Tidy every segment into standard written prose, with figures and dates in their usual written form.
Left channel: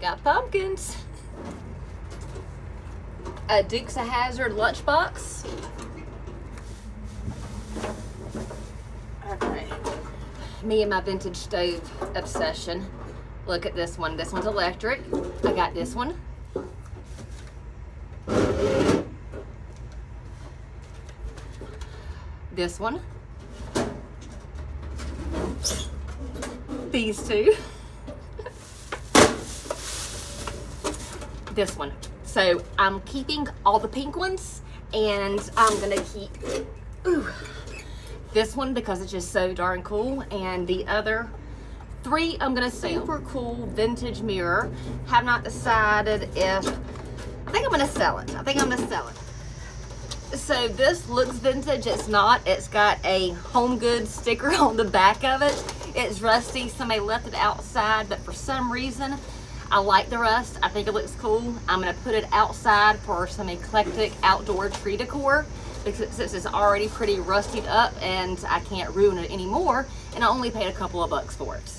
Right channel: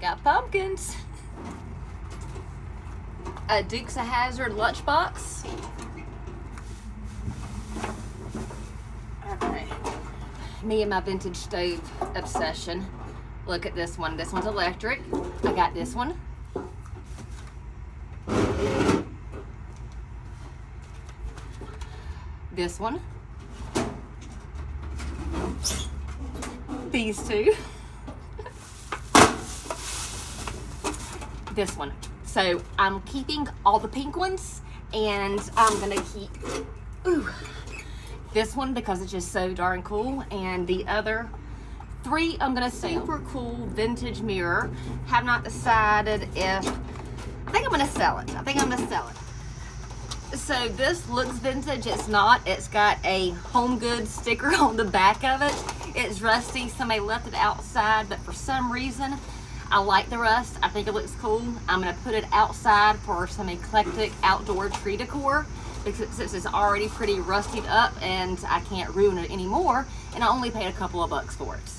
got pumpkins. A Dukes of Hazzard lunchbox. Okay. Me and my vintage stove obsession. Look at this one. This one's electric. I got this one. This one. These two. This one. So I'm keeping all the pink ones, and I'm gonna keep this one because it's just so darn cool, and the other three I'm gonna sell. Super cool vintage mirror. Have not decided if, I think I'm gonna sell it. So this looks vintage. It's not. It's got a Home Goods sticker on the back of it. It's rusty. Somebody left it outside, but for some reason I like the rust. I think it looks cool. I'm gonna put it outside for some eclectic outdoor tree decor because since it's already pretty rusted up and I can't ruin it anymore, and I only paid a couple of bucks for it.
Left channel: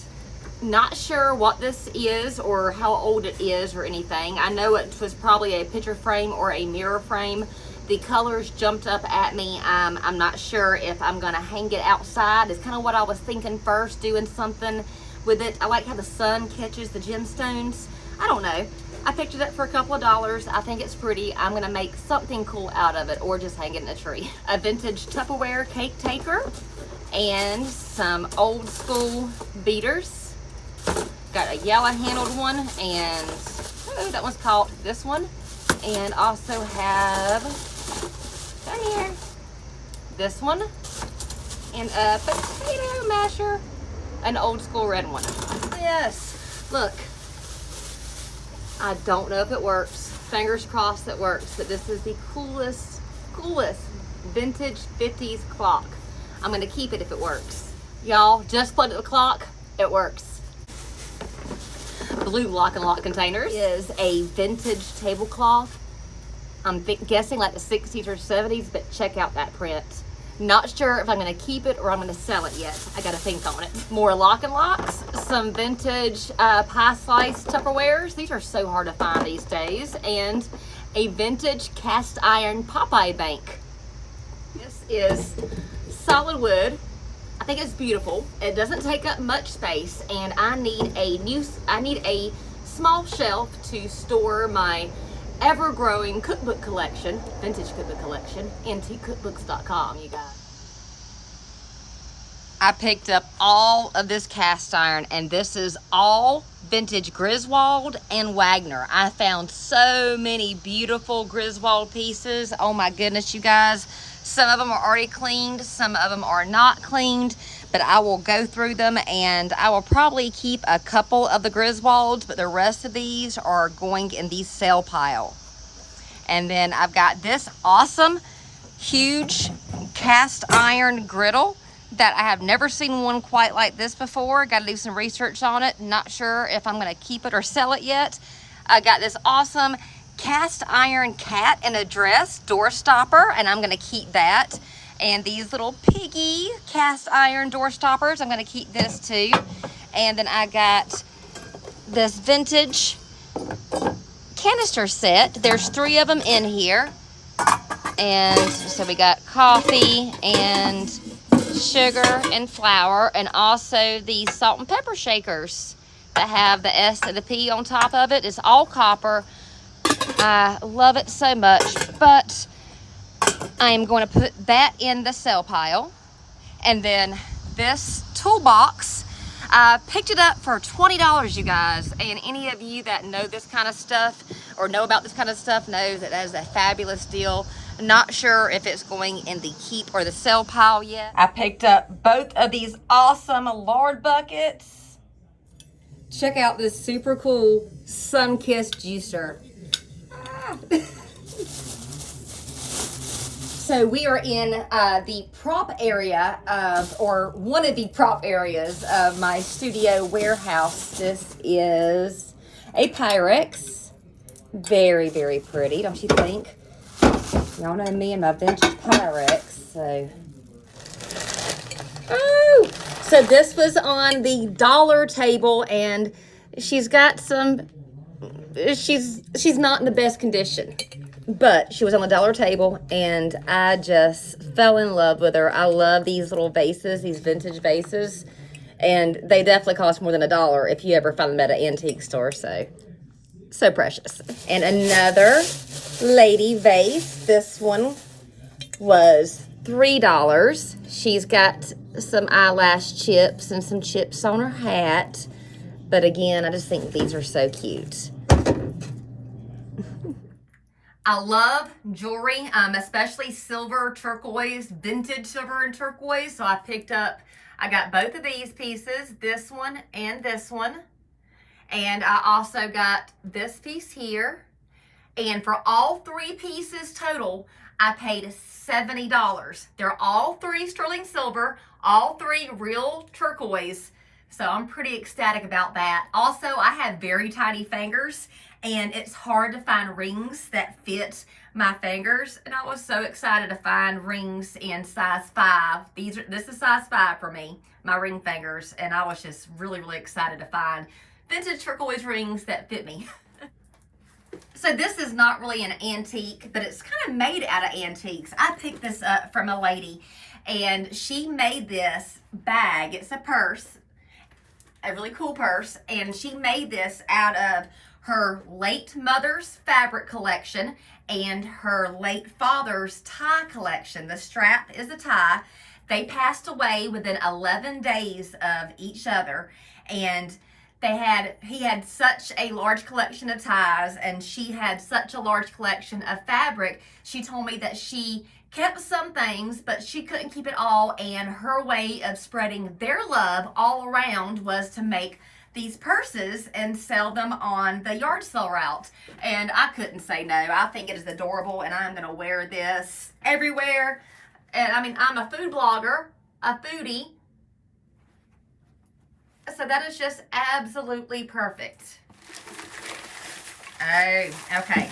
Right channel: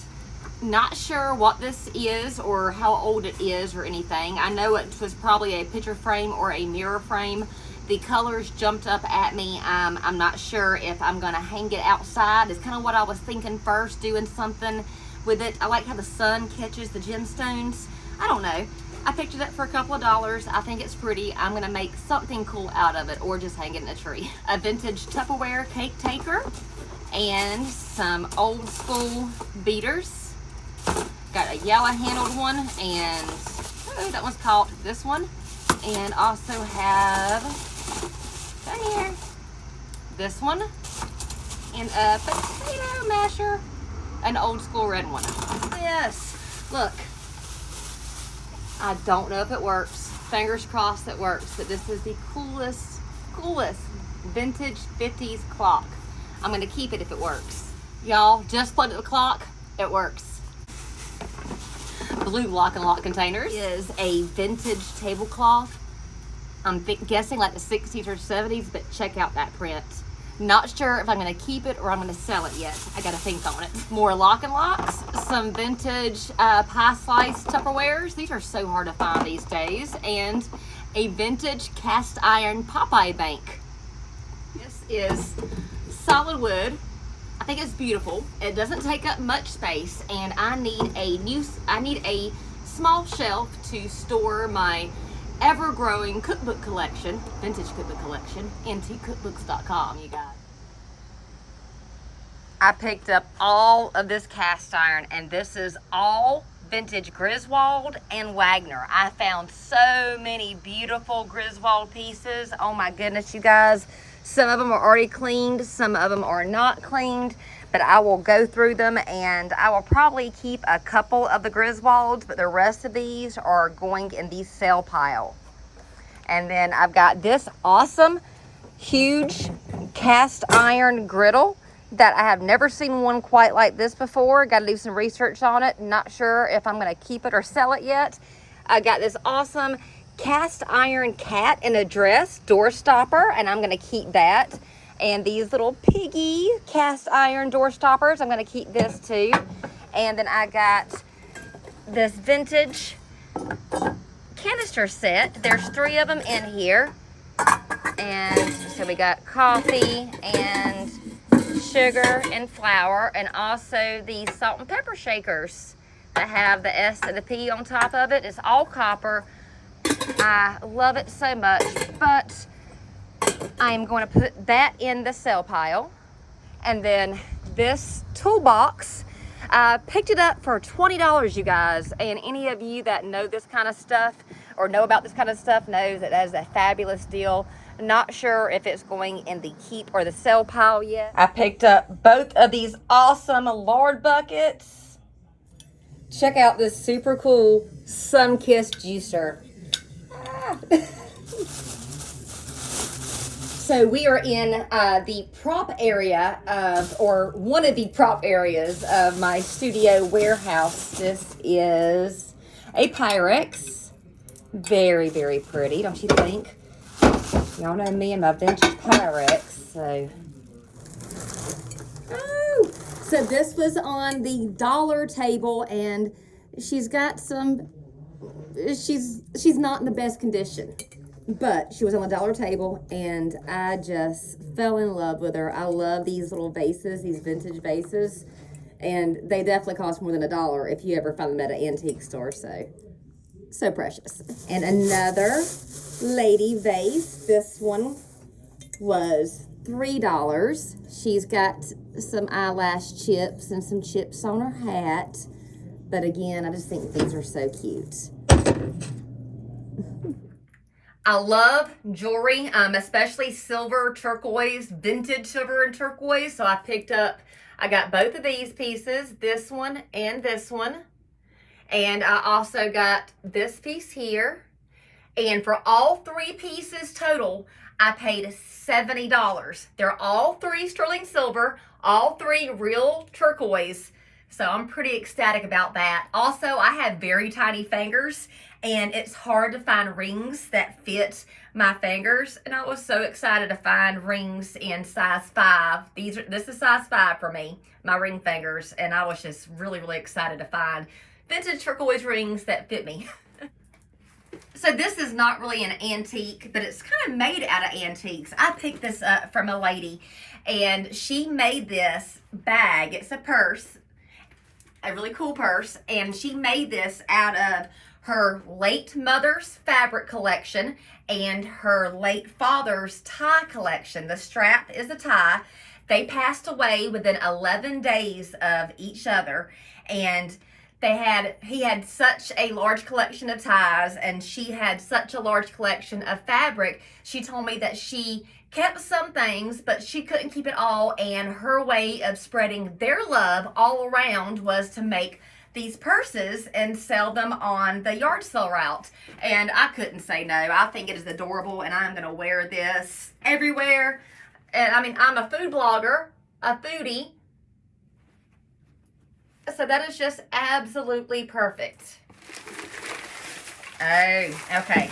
Not sure what this is or how old it is or anything. I know it was probably a picture frame or a mirror frame. The colors jumped up at me. I'm not sure if I'm gonna hang it outside. It's kind of what I was thinking first, doing something with it. I like how the sun catches the gemstones. I don't know. I picked it up for a couple of dollars. I think it's pretty. I'm gonna make something cool out of it or just hang it in a tree. A vintage Tupperware cake taker and some old school beaters. Got a yellow handled one, and that one's called this one. And also have down here this one and a potato masher, an old school red one. Yes, look, I don't know if it works. Fingers crossed it works, but this is the coolest vintage 50s clock. I'm gonna keep it if it works. Y'all, just plugged the clock, it works. Blue lock and lock containers is a vintage tablecloth. I'm guessing like the 60s or 70s, but check out that print. Not sure if I'm gonna keep it or I'm gonna sell it yet. I gotta think on it. More lock and locks, some vintage pie slice Tupperwares. These are so hard to find these days. And a vintage cast iron Popeye bank. This is solid wood. I think it's beautiful. It doesn't take up much space, and I need a small shelf to store my ever-growing cookbook collection, vintage cookbook collection, into cookbooks.com, you guys. I picked up all of this cast iron, and this is all vintage Griswold and Wagner. I found so many beautiful Griswold pieces. Oh my goodness, you guys. Some of them are already cleaned, some of them are not cleaned, but I will go through them, and I will probably keep a couple of the Griswolds, but the rest of these are going in the sale pile. And then I've got this awesome, huge cast iron griddle that I have never seen one quite like this before. Got to do some research on it. Not sure if I'm going to keep it or sell it yet. I got this awesome cast iron cat in a dress door stopper, and I'm going to keep that. And these little piggy cast iron door stoppers, I'm going to keep this too. And then I got this vintage canister set. There's 3 of them in here. And so we got coffee and sugar and flour, and also these salt and pepper shakers that have the S and the P on top of it. It's all copper. I love it so much, but I'm going to put that in the sale pile. And then this toolbox, I picked it up for $20, you guys. And any of you that know this kind of stuff or know about this kind of stuff knows that that is a fabulous deal. Not sure if it's going in the keep or the sell pile yet. I picked up both of these awesome lard buckets. Check out this super cool sun-kissed juicer. So we are in the prop area of, or one of the prop areas of my studio warehouse. This is a Pyrex. Very, very pretty, don't you think? Y'all know me and my vintage Pyrex, so. Oh, so this was on the dollar table, and she's got some she's not in the best condition, but she was on the dollar table and I just fell in love with her. I love these little vases, these vintage vases, and they definitely cost more than $1 if you ever find them at an antique store. So precious. And another lady vase. This one was $3. She's got some eyelash chips and some chips on her hat. But again, I just think these are so cute. I love jewelry, especially silver, turquoise, vintage silver and turquoise. So I got both of these pieces, this one and this one. And I also got this piece here. And for all 3 pieces total, I paid $70. They're all 3 sterling silver, all 3 real turquoise. So I'm pretty ecstatic about that. Also, I have very tiny fingers and it's hard to find rings that fit my fingers. And I was so excited to find rings in size 5. This is size 5 for me, my ring fingers. And I was just really, really excited to find vintage turquoise rings that fit me. So this is not really an antique, but it's kind of made out of antiques. I picked this up from a lady and she made this bag. It's a purse, a really cool purse, and she made this out of her late mother's fabric collection and her late father's tie collection. The strap is a tie. They passed away within 11 days of each other, and he had such a large collection of ties and she had such a large collection of fabric. She told me that she kept some things, but she couldn't keep it all, and her way of spreading their love all around was to make these purses and sell them on the yard sale route. And I couldn't say no. I think it is adorable and I'm gonna wear this everywhere. And I mean, I'm a food blogger, a foodie, so that is just absolutely perfect. Oh, okay.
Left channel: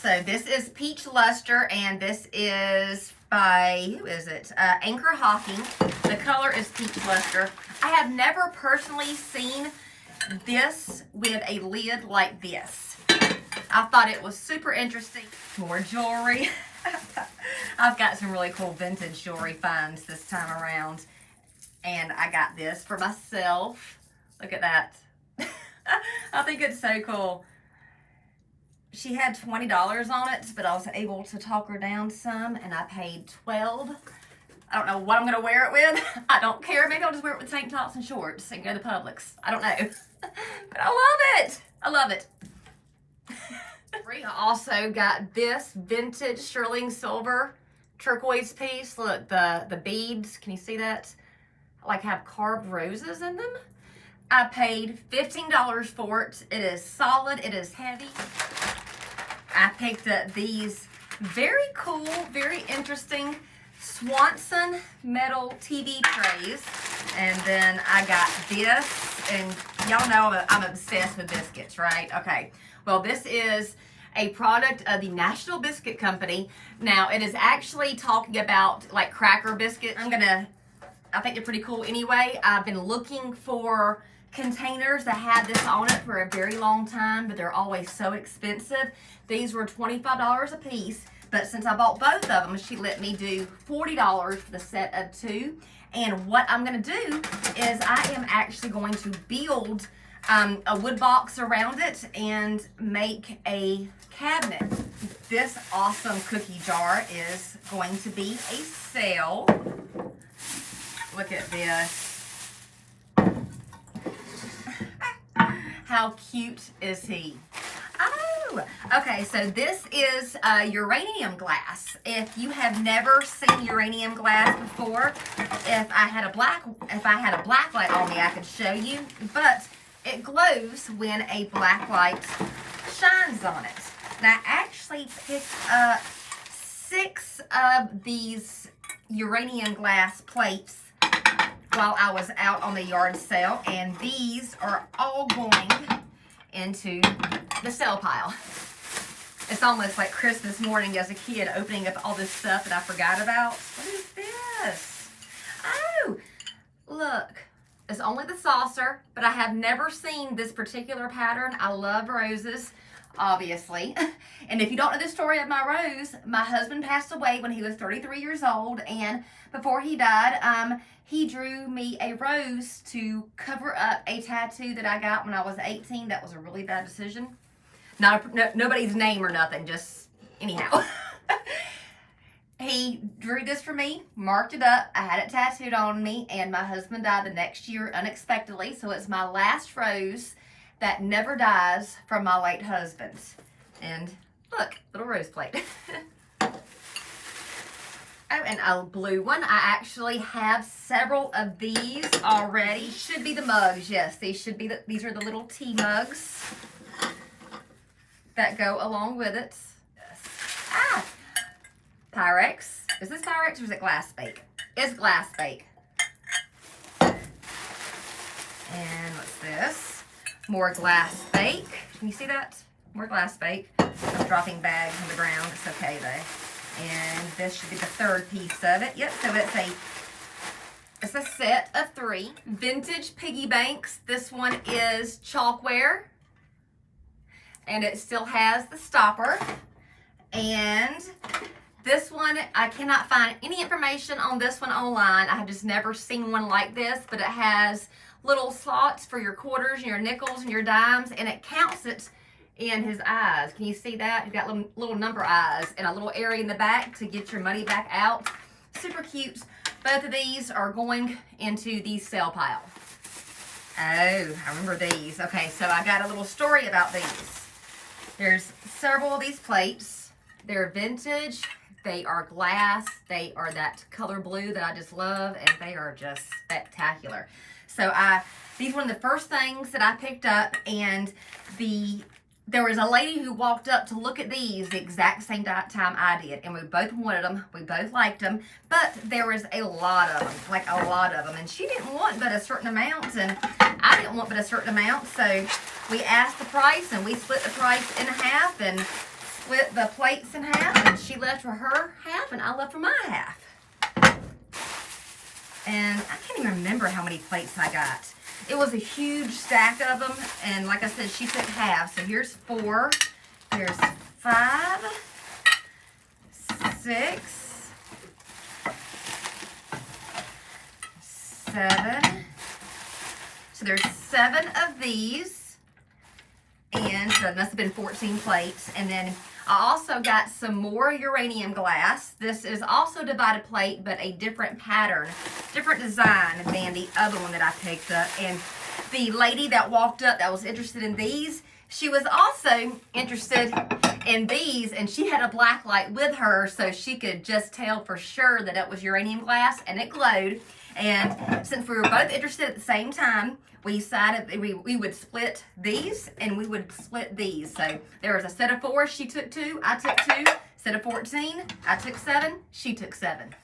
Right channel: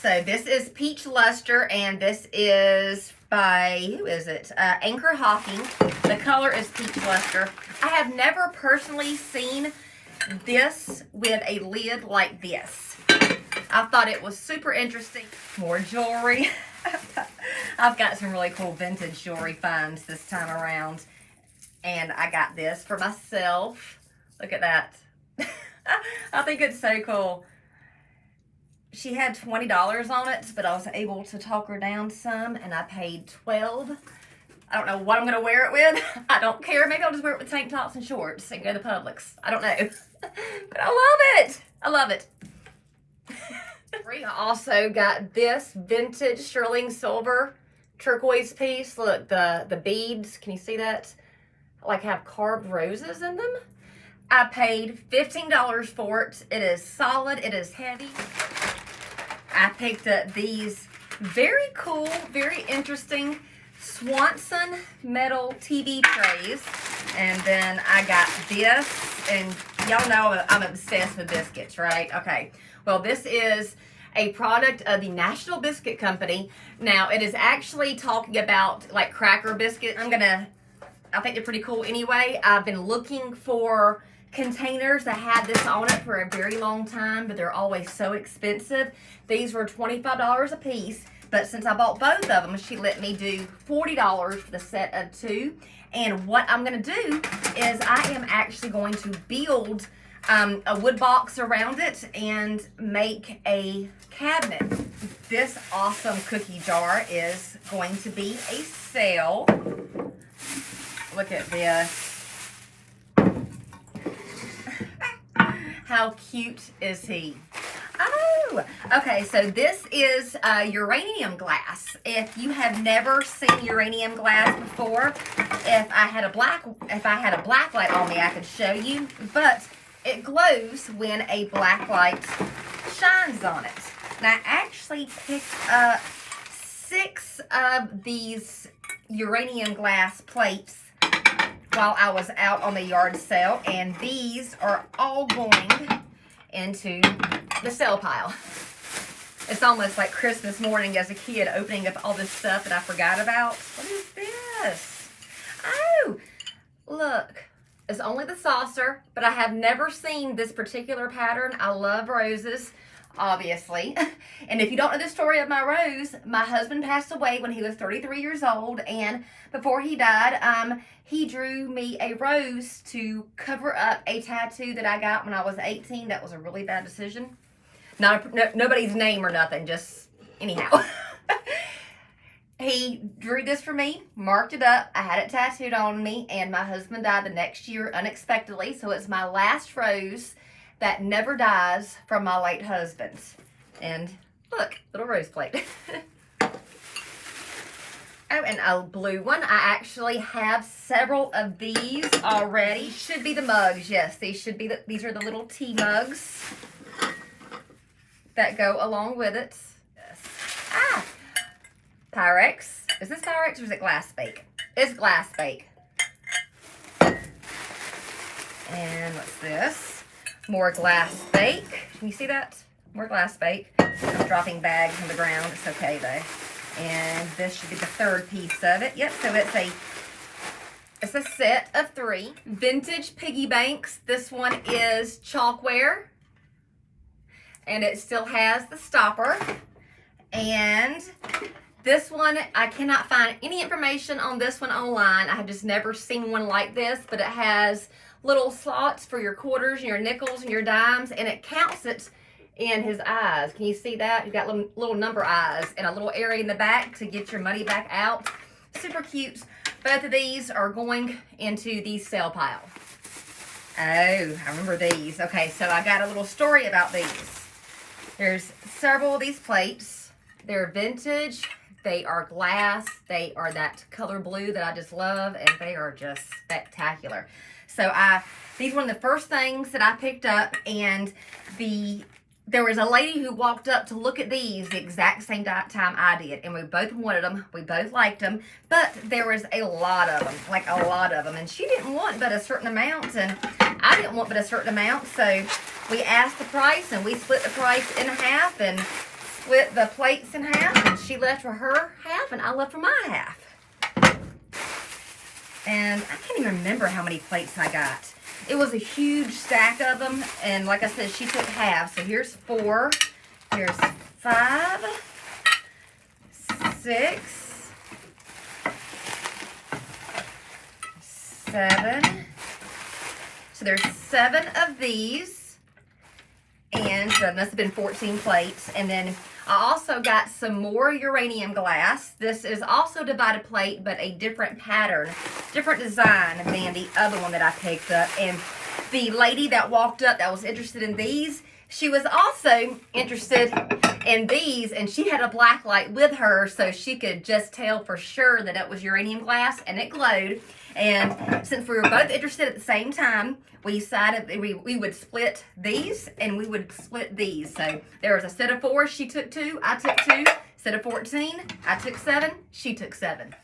So this is Peach Luster, and this is by, who is it? Anchor Hawking. The color is Peach Luster. I have never personally seen this with a lid like this. I thought it was super interesting. More jewelry. I've got some really cool vintage jewelry finds this time around. And I got this for myself. Look at that. I think it's so cool. She had $20 on it, but I was able to talk her down some, and I paid $12. I don't know what I'm going to wear it with. I don't care. Maybe I'll just wear it with tank tops and shorts and go to Publix. I don't know. But I love it. I love it. I also got this vintage sterling silver turquoise piece. Look, the beads. Can you see that? Like have carved roses in them. I paid $15 for it. It is solid. It is heavy. I picked up these very cool, very interesting Swanson metal TV trays. And then I got this, and y'all know I'm obsessed with biscuits, right? Okay. Well, this is a product of the National Biscuit Company. Now, it is actually talking about like cracker biscuit. I think they're pretty cool anyway. I've been looking for containers that had this on it for a very long time, but they're always so expensive. These were $25 a piece, but since I bought both of them, she let me do $40 for the set of 2. And what I'm going to do is I am actually going to build a wood box around it and make a cabinet. This awesome cookie jar is going to be a sale. Look at this. How cute is he? Oh, okay, so this is uranium glass. If you have never seen uranium glass before, if I had a black light on me, I could show you, but it glows when a black light shines on it. And I actually picked up 6 of these uranium glass plates while I was out on the yard sale, and these are all going into the sale pile. It's almost like Christmas morning as a kid, opening up all this stuff that I forgot about. What is this? Oh, look. is only the saucer, but I have never seen this particular pattern. I love roses, obviously. And if you don't know the story of my rose, my husband passed away when he was 33 years old, and before he died, he drew me a rose to cover up a tattoo that I got when I was 18. That was a really bad decision. Nobody's name or nothing, just anyhow. He drew this for me, marked it up. I had it tattooed on me, and my husband died the next year unexpectedly. So it's my last rose that never dies from my late husband. And look, little rose plate. Oh, and a blue one. I actually have several of these already. Should be the mugs. Yes, these should be these are the little tea mugs that go along with it. Yes. Ah, Pyrex. Is this Pyrex or is it glass bake? It's glass bake. And what's this? More glass bake. Can you see that? More glass bake. I'm dropping bags on the ground. It's okay though. And this should be the third piece of it. Yep, so it's a set of 3. Vintage piggy banks. This one is chalkware. And it still has the stopper. And this one, I cannot find any information on this one online. I have just never seen one like this, but it has little slots for your quarters and your nickels and your dimes, and it counts it in his eyes. Can you see that? You've got little number eyes and a little area in the back to get your money back out. Super cute. Both of these are going into the sale pile. Oh, I remember these. Okay, so I got a little story about these. There's several of these plates. They're vintage. They are glass. They are that color blue that I just love, and they are just spectacular. So these were one of the first things that I picked up, and there was a lady who walked up to look at these the exact same time I did, and we both wanted them. We both liked them, but there was a lot of them, like a lot of them, and she didn't want but a certain amount, and I didn't want but a certain amount, so we asked the price, and we split the price in half, and split the plates in half, and she left for her half, and I left for my half. And I can't even remember how many plates I got. It was a huge stack of them, and like I said, she took half. So here's 4, here's 5, 6, 7. So there's 7 of these, and so that must have been 14 plates. And then I also got some more uranium glass. This is also divided plate, but a different pattern, different design than the other one that I picked up. And the lady that walked up that was interested in these, she was also interested in these, and she had a black light with her, so she could just tell for sure that it was uranium glass, and it glowed. And since we were both interested at the same time, we decided that we would split these, and we would split these. So there was a set of 4, she took 2, I took 2. Set of 14, I took 7, she took 7.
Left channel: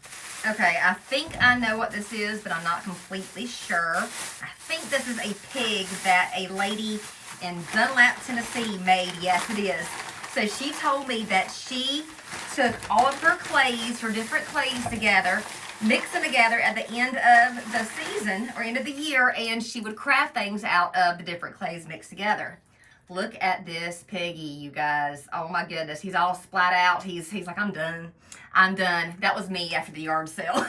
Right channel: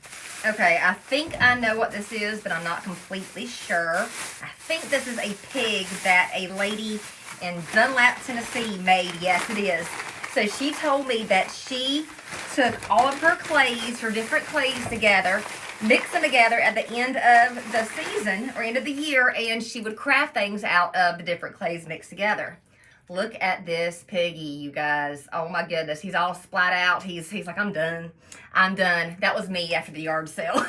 Okay, I think I know what this is, but I'm not completely sure. I think this is a pig that a lady in Dunlap, Tennessee made. Yes, it is. So she told me that she took all of her clays, her different clays together, mixed them together at the end of the season or end of the year, and she would craft things out of the different clays mixed together. Look at this piggy, you guys. Oh my goodness, he's all splat out. He's like, I'm done. I'm done. That was me after the yard sale.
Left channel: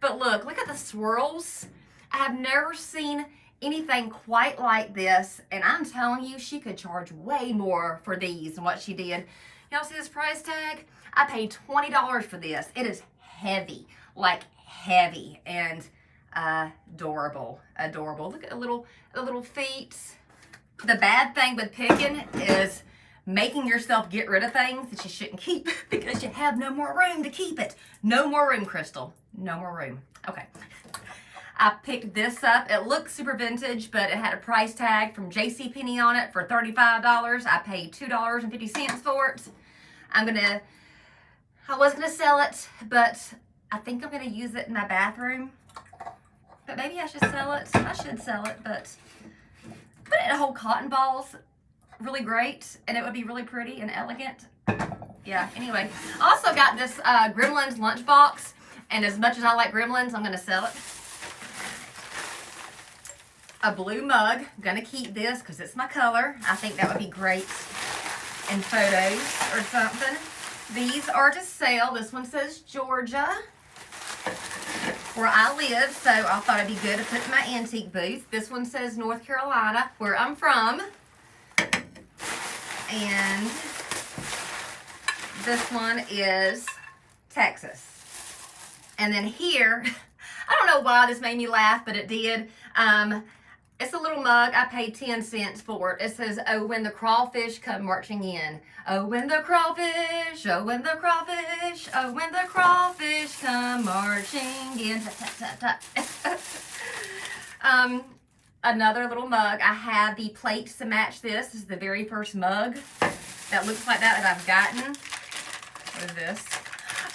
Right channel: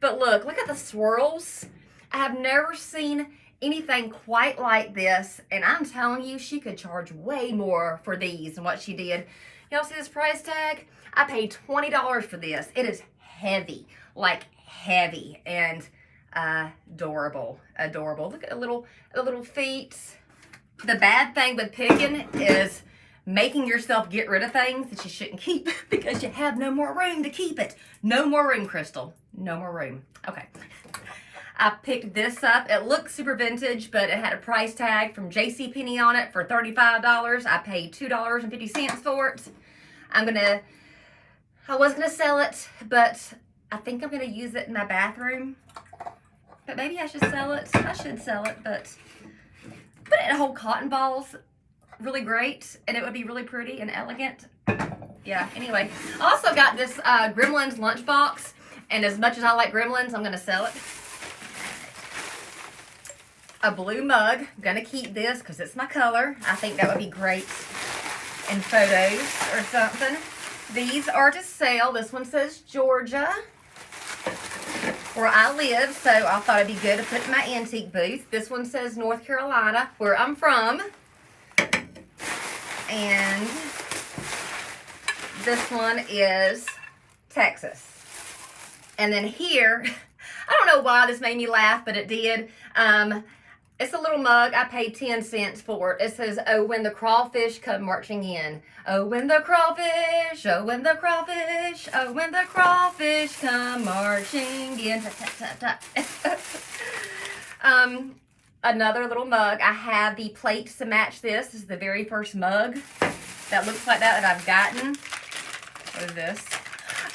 But look at the swirls. I've never seen anything quite like this, and I'm telling you, she could charge way more for these than what she did. Y'all see this price tag? I paid $20 for this. It is heavy, like heavy, and adorable. Look at the little feet. The bad thing with picking is making yourself get rid of things that you shouldn't keep because you have no more room to keep it. No more room, Crystal. No more room. Okay. I picked this up. It looks super vintage, but it had a price tag from JCPenney on it for $35. I paid $2.50 for it. I was gonna sell it, but I think I'm gonna use it in my bathroom. But maybe I should sell it. I should sell it, but put it in whole cotton balls, really great, and it would be really pretty and elegant. Yeah, anyway. I also got this Gremlins lunchbox, and as much as I like Gremlins, I'm gonna sell it. a blue mug. I'm gonna keep this because it's my color. I think that would be great in photos or something. These are to sell. This one says Georgia, where I live, so I thought it'd be good to put in my antique booth. This one says North Carolina, where I'm from. And this one is Texas. And then here, I don't know why this made me laugh, but it did. It's a little mug. I paid 10 cents for it. It says, "Oh, when the crawfish come marching in. Oh, when the crawfish, oh, when the crawfish, oh, when the crawfish come marching in." Another little mug. I have the plates to match this. This is the very first mug that looks like that I've gotten. What is this?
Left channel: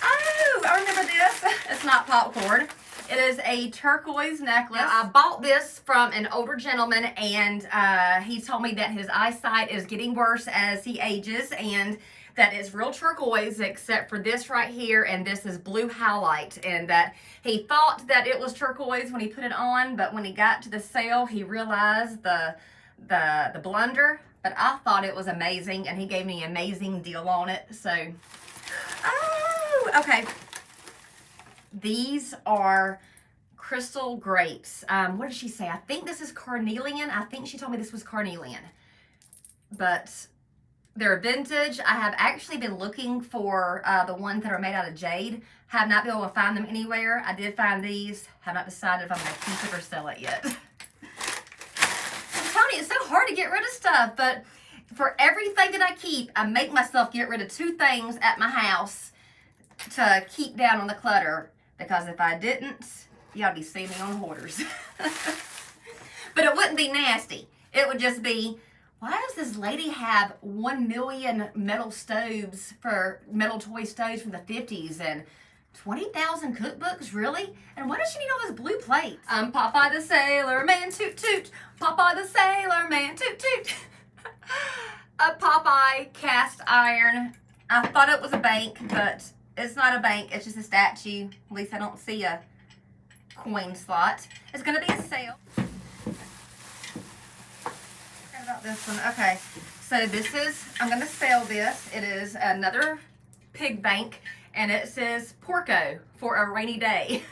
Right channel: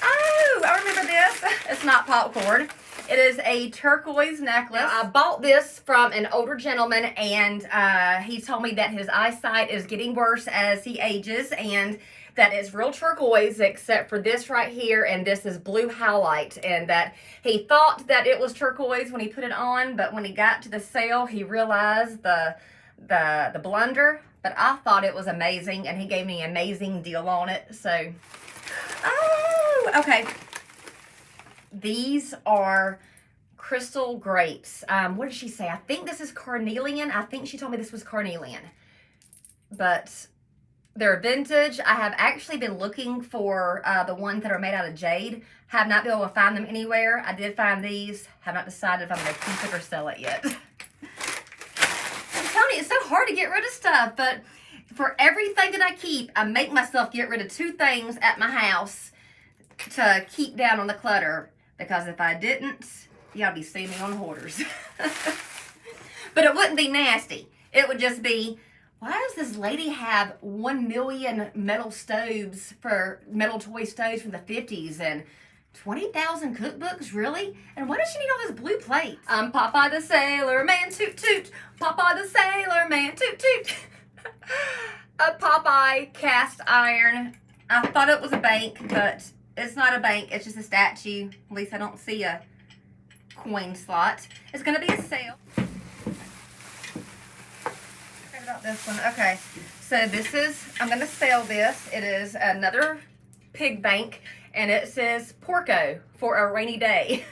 Oh, I remember this. It's not popcorn. It is a turquoise necklace. I bought this from an older gentleman, and he told me that his eyesight is getting worse as he ages, and that it's real turquoise except for this right here, and this is blue highlight, and that he thought that it was turquoise when he put it on, but when he got to the sale, he realized the blunder. But I thought it was amazing, and he gave me an amazing deal on it. So, oh, okay. These are crystal grapes. What did she say? I think this is carnelian. I think she told me this was carnelian. But they're vintage. I have actually been looking for the ones that are made out of jade. Have not been able to find them anywhere. I did find these. Have not decided if I'm going to keep it or sell it yet. I'm telling you, it's so hard to get rid of stuff. But for everything that I keep, I make myself get rid of 2 things at my house to keep down on the clutter. Because if I didn't, y'all be seeing me on hoarders. But it wouldn't be nasty. It would just be, why does this lady have 1 million metal stoves metal toy stoves from the 50s and 20,000 cookbooks, really? And why does she need all those blue plates? I'm Popeye the Sailor Man, toot toot. Popeye the Sailor Man, toot toot. A Popeye cast iron. I thought it was a bank, but it's not a bank. It's just a statue. At least I don't see a coin slot. It's going to be a sale. What about this one? Okay. So this is, I'm going to sell this. It is another pig bank. And it says Porco for a rainy day.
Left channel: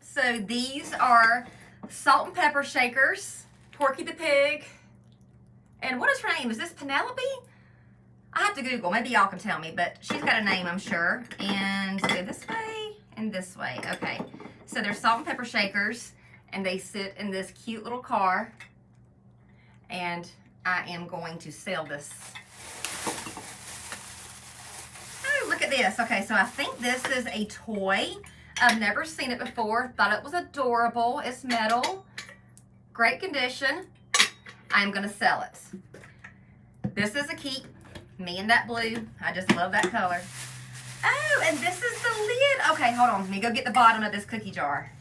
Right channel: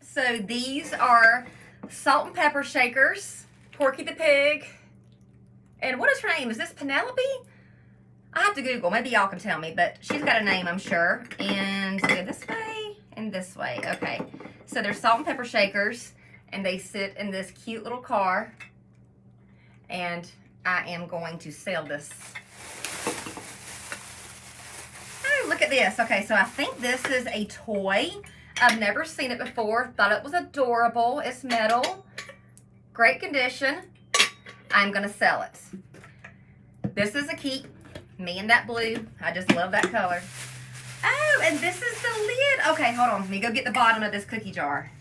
So these are salt and pepper shakers. Porky the pig. And what is her name? Is this Penelope? I have to Google. Maybe y'all can tell me, but she's got a name, I'm sure. And go this way and this way. Okay. So they're salt and pepper shakers, and they sit in this cute little car. And I am going to sell this. Oh, look at this. Okay, so I think this is a toy. I've never seen it before. Thought it was adorable. It's metal. Great condition. I'm going to sell it. This is a keep. Me and that blue. I just love that color. Oh, and this is the lid. Okay, hold on. Let me go get the bottom of this cookie jar.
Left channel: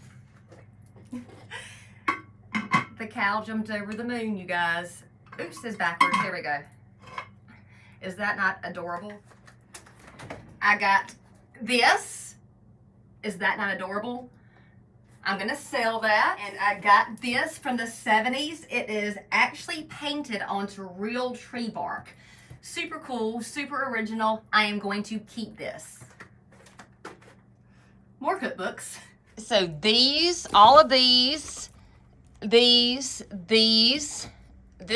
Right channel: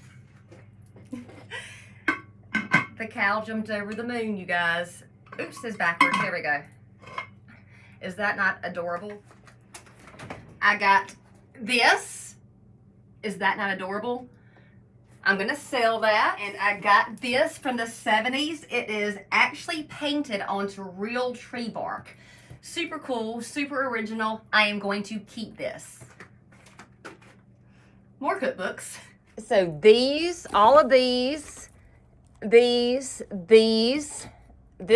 The cow jumped over the moon, you guys. Oops, it's backwards. Here we go. Is that not adorable? I got this. Is that not adorable? I'm going to sell that. And I got this from the 70s. It is actually painted onto real tree bark. Super cool, super original. I am going to keep this. More cookbooks. So these, all of these, this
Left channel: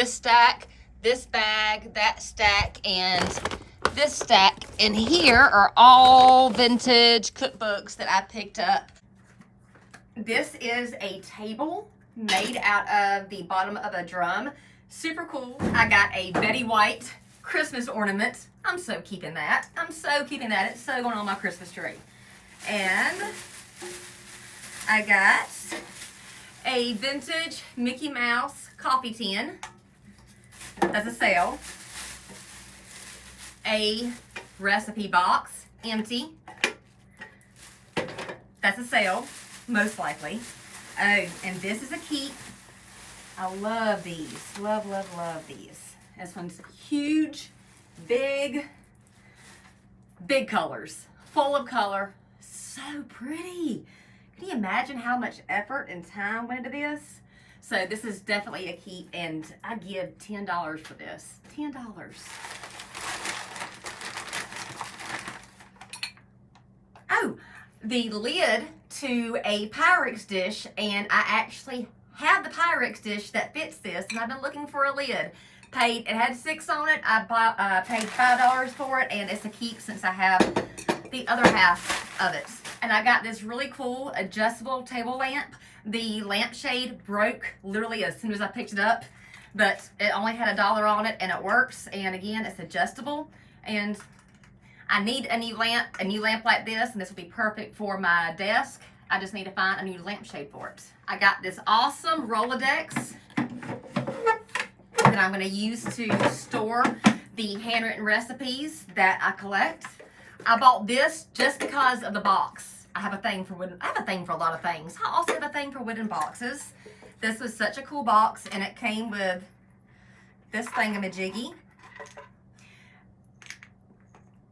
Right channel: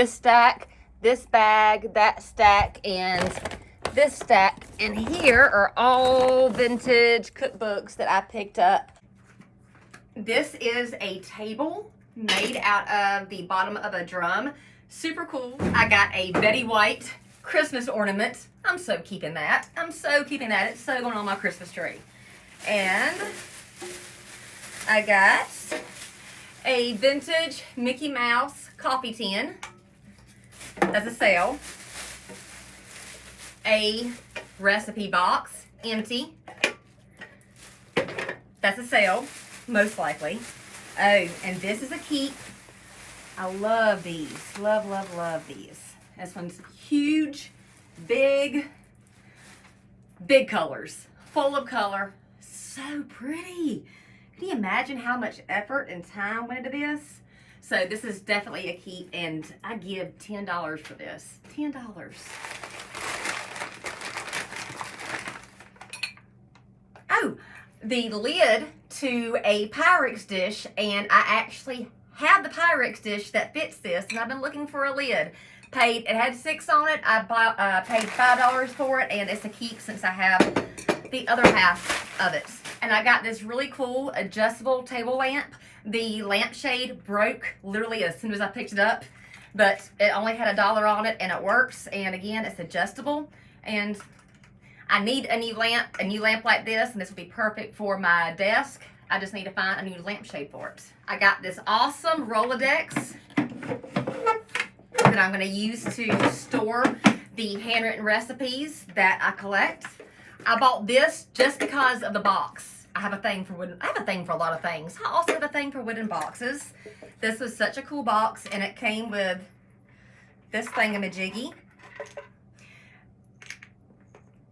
stack, this bag, that stack, and this stack in here are all vintage cookbooks that I picked up. This is a table made out of the bottom of a drum. Super cool. I got a Betty White Christmas ornament. I'm so keeping that. I'm so keeping that. It's so going on my Christmas tree. And I got a vintage Mickey Mouse coffee tin. That's a sale. A recipe box, empty. That's a sale, most likely. Oh, and this is a keep. I love these. Love, love, love these. This one's huge, big colors, full of color. So pretty. Can you imagine how much effort and time went into this? So this is definitely a keep, and I give $10 for this. $10. Oh, the lid to a Pyrex dish, and I actually have the Pyrex dish that fits this, and I've been looking for a lid. It had 6 on it. I paid $5 for it, and it's a keep since I have the other half of it. And I got this really cool adjustable table lamp. The lampshade broke literally as soon as I picked it up, but it only had $1 on it, and it works. And again, it's adjustable, and I need a new lamp like this, and this will be perfect for my desk. I just need to find a new lampshade for it. I got this awesome Rolodex that I'm going to use to store the handwritten recipes that I collect. I bought this just because of the box. I have a thing for a lot of things. I also have a thing for wooden boxes. This was such a cool box, and it came with this thingamajiggy.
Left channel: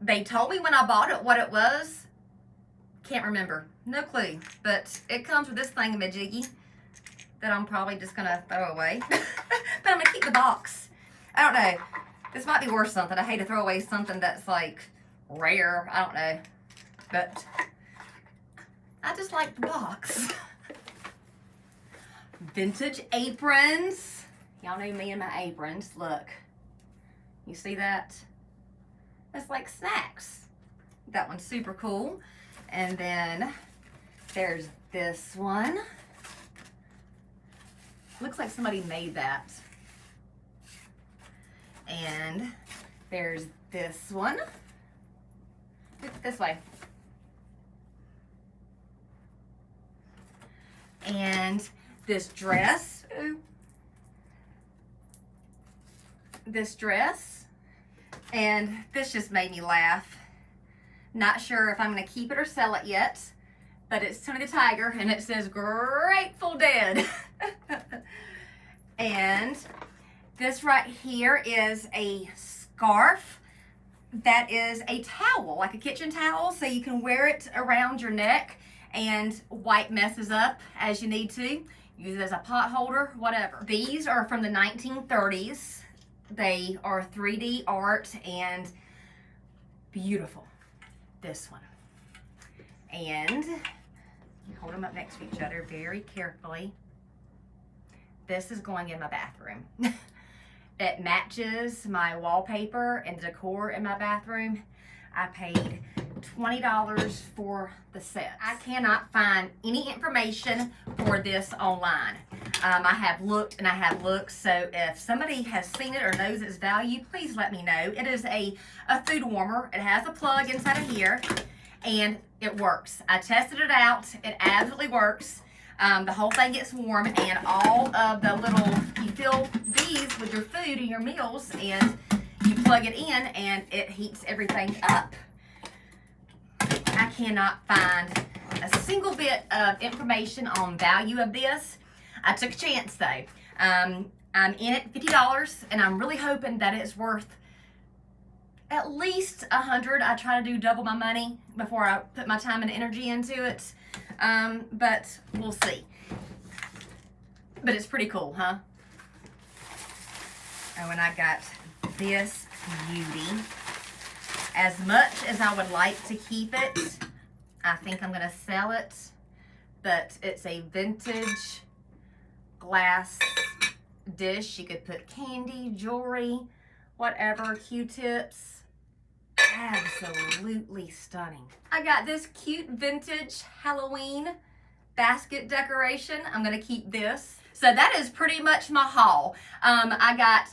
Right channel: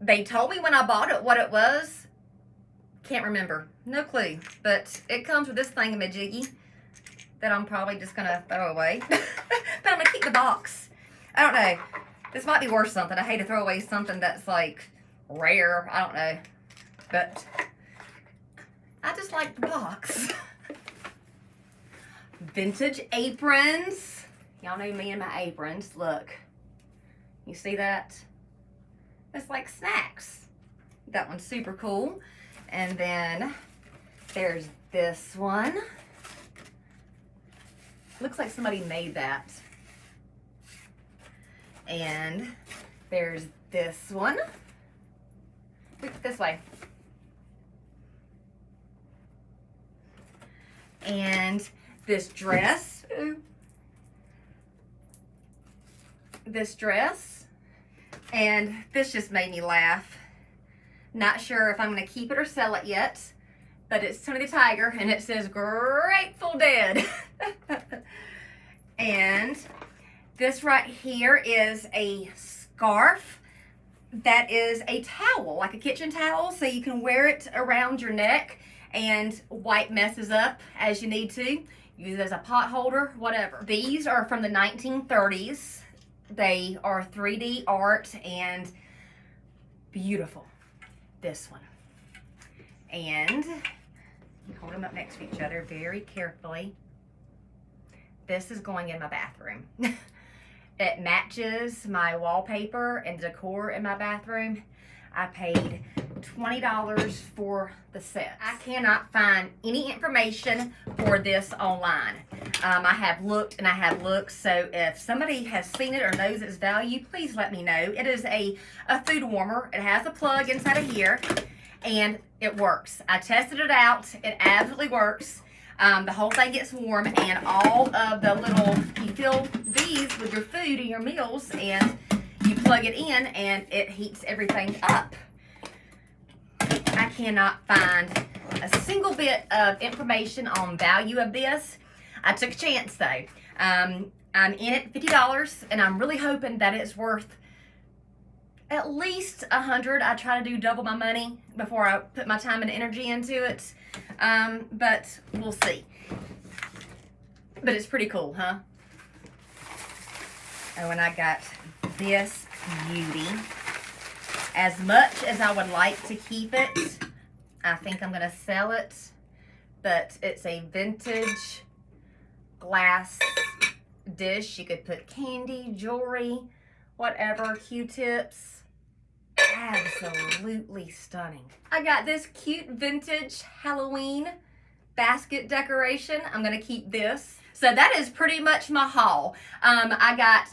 They told me when I bought it what it was. Can't remember. No clue. But it comes with this thingamajiggy that I'm probably just going to throw away. But I'm going to keep the box. I don't know. This might be worth something. I hate to throw away something that's like rare. I don't know. But I just like the box. Vintage aprons. Y'all know me and my aprons. Look. You see that? It's like snacks. That one's super cool. And then there's this one. Looks like somebody made that. And there's this one. This way. And this dress. Ooh. This dress. And this just made me laugh. Not sure if I'm going to keep it or sell it yet. But it's Tony the Tiger, and it says Grateful Dead. And this right here is a scarf that is a towel, like a kitchen towel, so you can wear it around your neck and wipe messes up as you need to. Use it as a pot holder, whatever. These are from the 1930s. They are 3D art and beautiful. This one. And you hold them up next to each other very carefully. This is going in my bathroom. It matches my wallpaper and decor in my bathroom. I paid $20 for the set. I cannot find any information for this online. I have looked and I have looked, so if somebody has seen it or knows its value, please let me know. It is a food warmer. It has a plug inside of here, and it works. I tested it out. It absolutely works. The whole thing gets warm, and all of the little, you fill these with your food and your meals, and you plug it in, and it heats everything up. I cannot find a single bit of information on value of this. I took a chance though. I'm in it $50, and I'm really hoping that it's worth at least $100. I try to do double my money before I put my time and energy into it. But we'll see. But it's pretty cool, huh? Oh, and I got this beauty. As much as I would like to keep it, I think I'm going to sell it. But it's a vintage glass dish. You could put candy, jewelry, whatever, Q-tips. Absolutely stunning. I got this cute vintage Halloween basket decoration. I'm going to keep this. So that is pretty much my haul. I got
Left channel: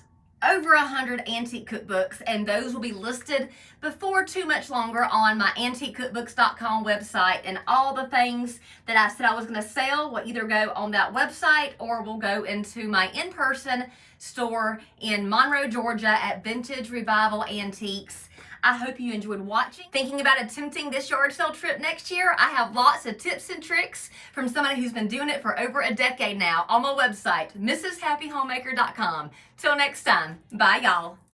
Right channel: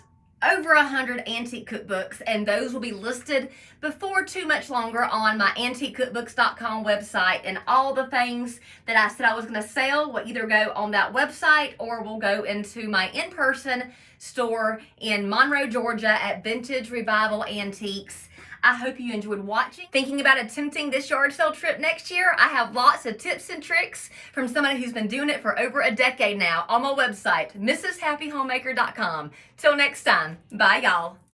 over 100 antique cookbooks, and those will be listed before too much longer on my antiquecookbooks.com website, and all the things that I said I was going to sell will either go on that website or will go into my in-person store in Monroe, Georgia at Vintage Revival Antiques. I hope you enjoyed watching. Thinking about attempting this yard sale trip next year? I have lots of tips and tricks from somebody who's been doing it for over a decade now on my website, mrshappyhomemaker.com. Till next time, bye y'all.